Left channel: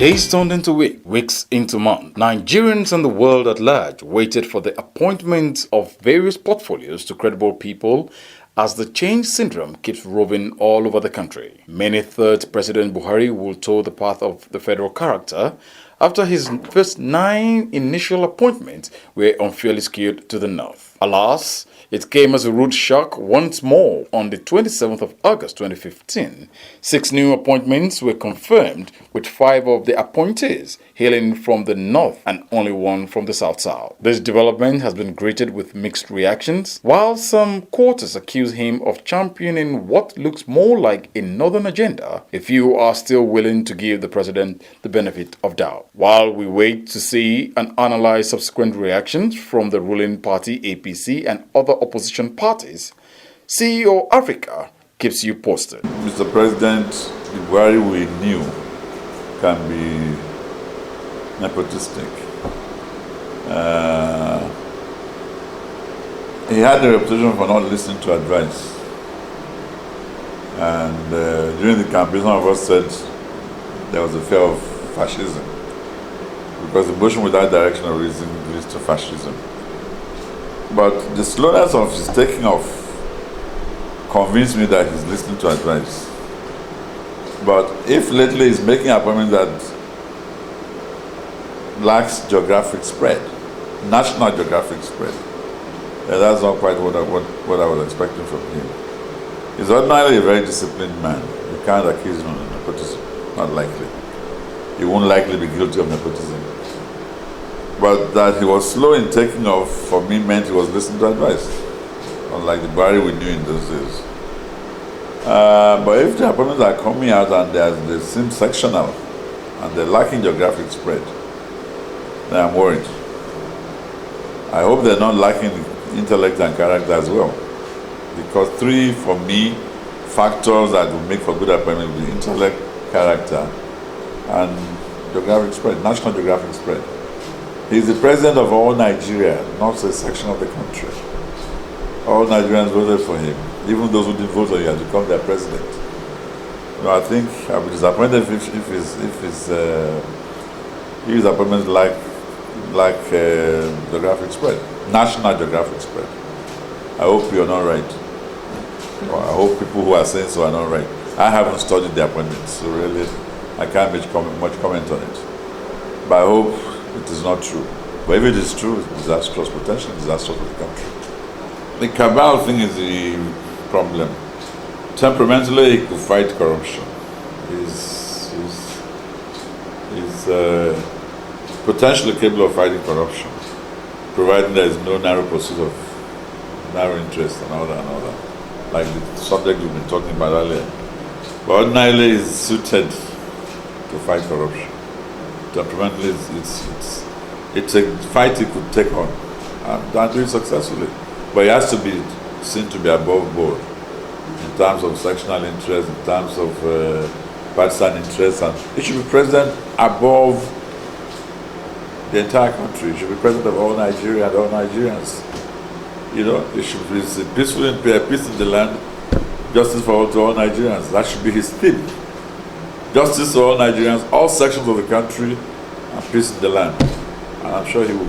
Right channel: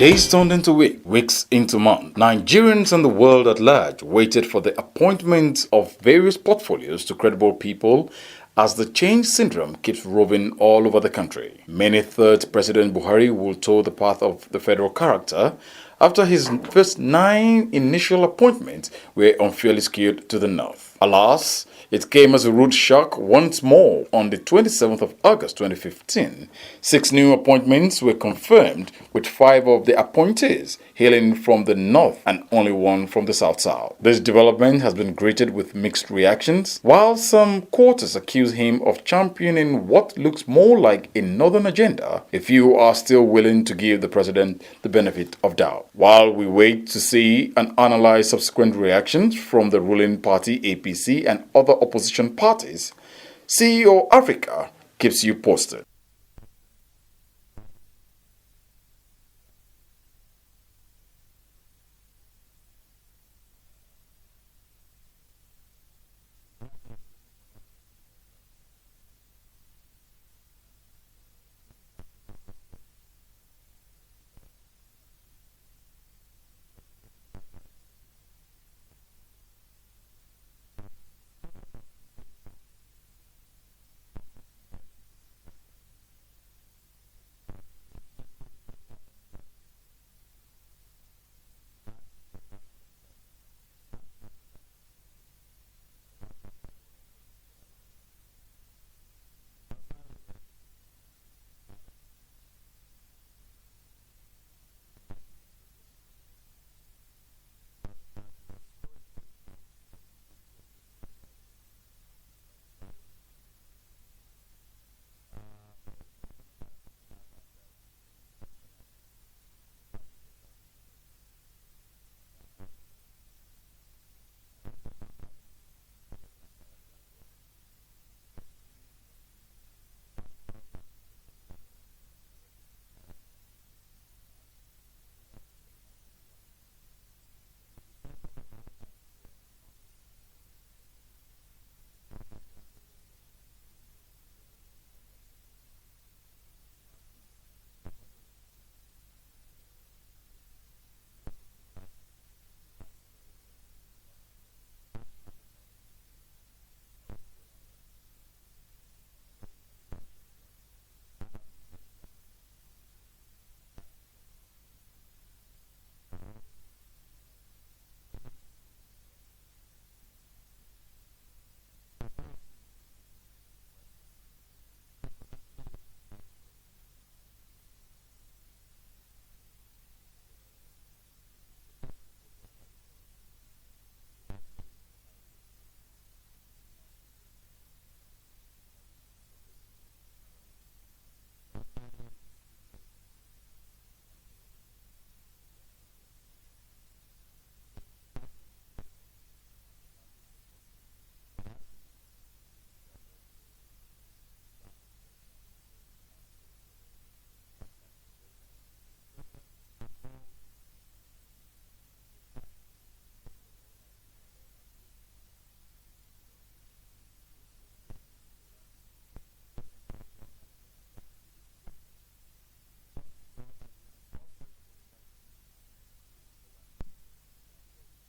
Days turned into weeks into months. Nigerians and the world at large waited for the appointment of various portfolios to credible people as the change syndrome keeps roving all over the country. Many thought President Buhari will tow the path of the federal character after his first 9 initial appointments were unfairly skewed to the north. Alas, it came as a rude shock once more on the 27th of August 2015. 6 new appointments were confirmed, with 5 of the appointees hailing from the north and only 1 from the south-south. This development has been greeted with mixed reactions, while some quarters accuse him of championing what looks more like a northern agenda. A few are still willing to give the president the benefit of doubt. While we wait to see and analyze subsequent reactions from the ruling party APC and other opposition parties, CEO Africa keeps you posted. Mr. President, the Buhari we knew can be nepotistic. He had a reputation for not listening to advice. And during the campaign, some of us said there was a fear of fascism, because the motion without direction of reason leads to fascism. But the slowness of his taking off convinced me that he's listening to advice. But if lately he's making an appointment that lacks geographic spread, national geographic spread, then that's not quite what I was expecting from him. He's ordinarily a very disciplined man. You can't accuse him of nepotism, not likely. He won't likely be guilty of nepotism. But that he was slow in taking off, for me, meant he was listening to advice, unlike the Buhari we knew in those days. But if the appointments are coming out and they seem sectional and they're lacking geographic spread, then I'm worried. I hope they're not lacking intellect and character as well. Because 3, for me, factors that will make for good appointment will be intellect, character, and geographic spread, national geographic spread. He's the president of all Nigeria, not a section of the country. All Nigerians voted for him. Even those who didn't vote for him, he has become their president. I think I'll be disappointed if his appointments lack geographic spread, national geographic spread. I hope you're not right. Or I hope people who are saying so are not right. I haven't studied the appointments, so really I can't make much comment on it. But I hope it is not true. But if it is true, it's disastrous, potentially disastrous for the country. The cabal thing is the problem. Temperamentally, he could fight corruption. He's potentially capable of fighting corruption, providing there is no narrow pursuit of narrow interest and all that, like the subject we've been talking about earlier. But ordinarily, he's suited to fight corruption. Temperamentally, it's a fight he could take on and do it successfully. But he has to be seen to be above board in terms of sectional interest, in terms of partisan interest, and he should be president above the entire country. He should be president of all Nigeria and all Nigerians. It should be peace in the land, justice for all Nigerians. That should be his theme. Justice to all Nigerians, all sections of the country, and peace in the land. And I'm sure he will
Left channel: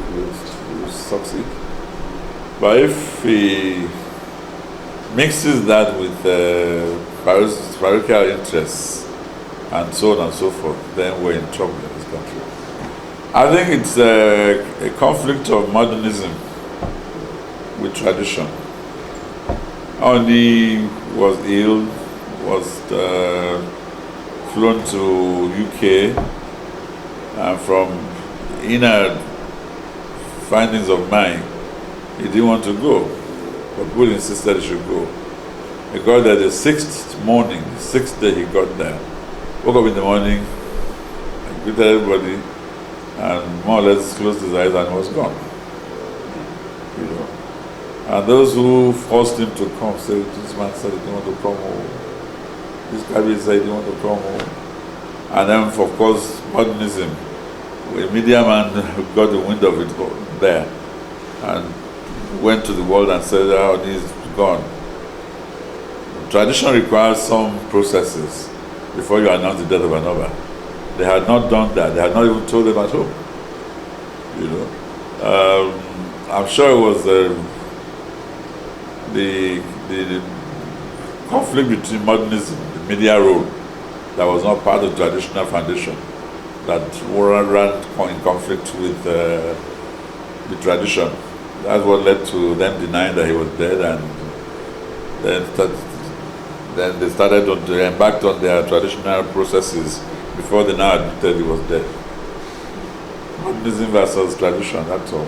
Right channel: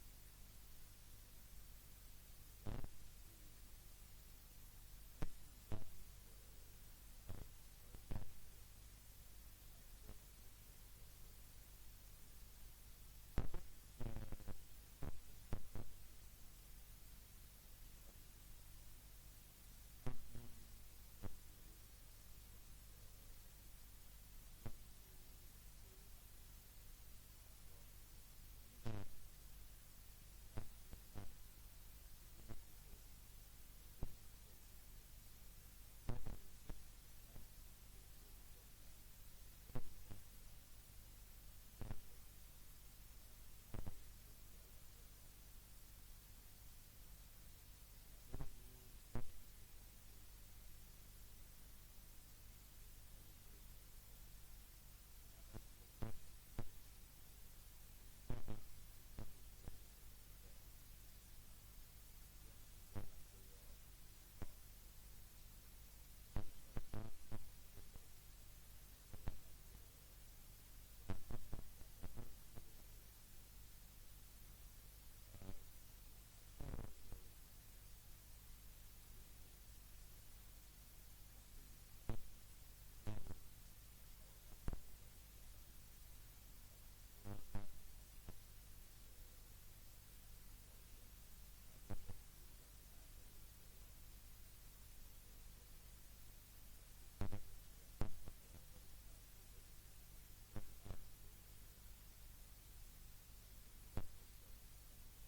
succeed. But if he mixes that with parochial interests and so on and so forth, then we're in trouble in this country. I think it's a conflict of modernism with tradition. Oni was ill, was flown to UK, and from inner findings of mine, he didn't want to go, but people insisted he should go. He got there the 6th day he got there. Woke up in the morning, and greeted everybody, and more or less closed his eyes and was gone. And those who forced him to come said, this man said he didn't want to come home. This guy said he didn't want to come home. And then, of course, modernism. A media man got the wind of it there and went to the world and said, oh, he's gone. Tradition requires some processes before you announce the death of another. they had not done that. They had not even told them at home. You know, I'm sure it was the conflict between modernism, the media role, that was not part of the traditional foundation, that ran in conflict with the tradition. That's what led to them denying that he was dead, and then they embarked on their traditional processes before they now admitted he was dead. Modernism versus tradition, that's all.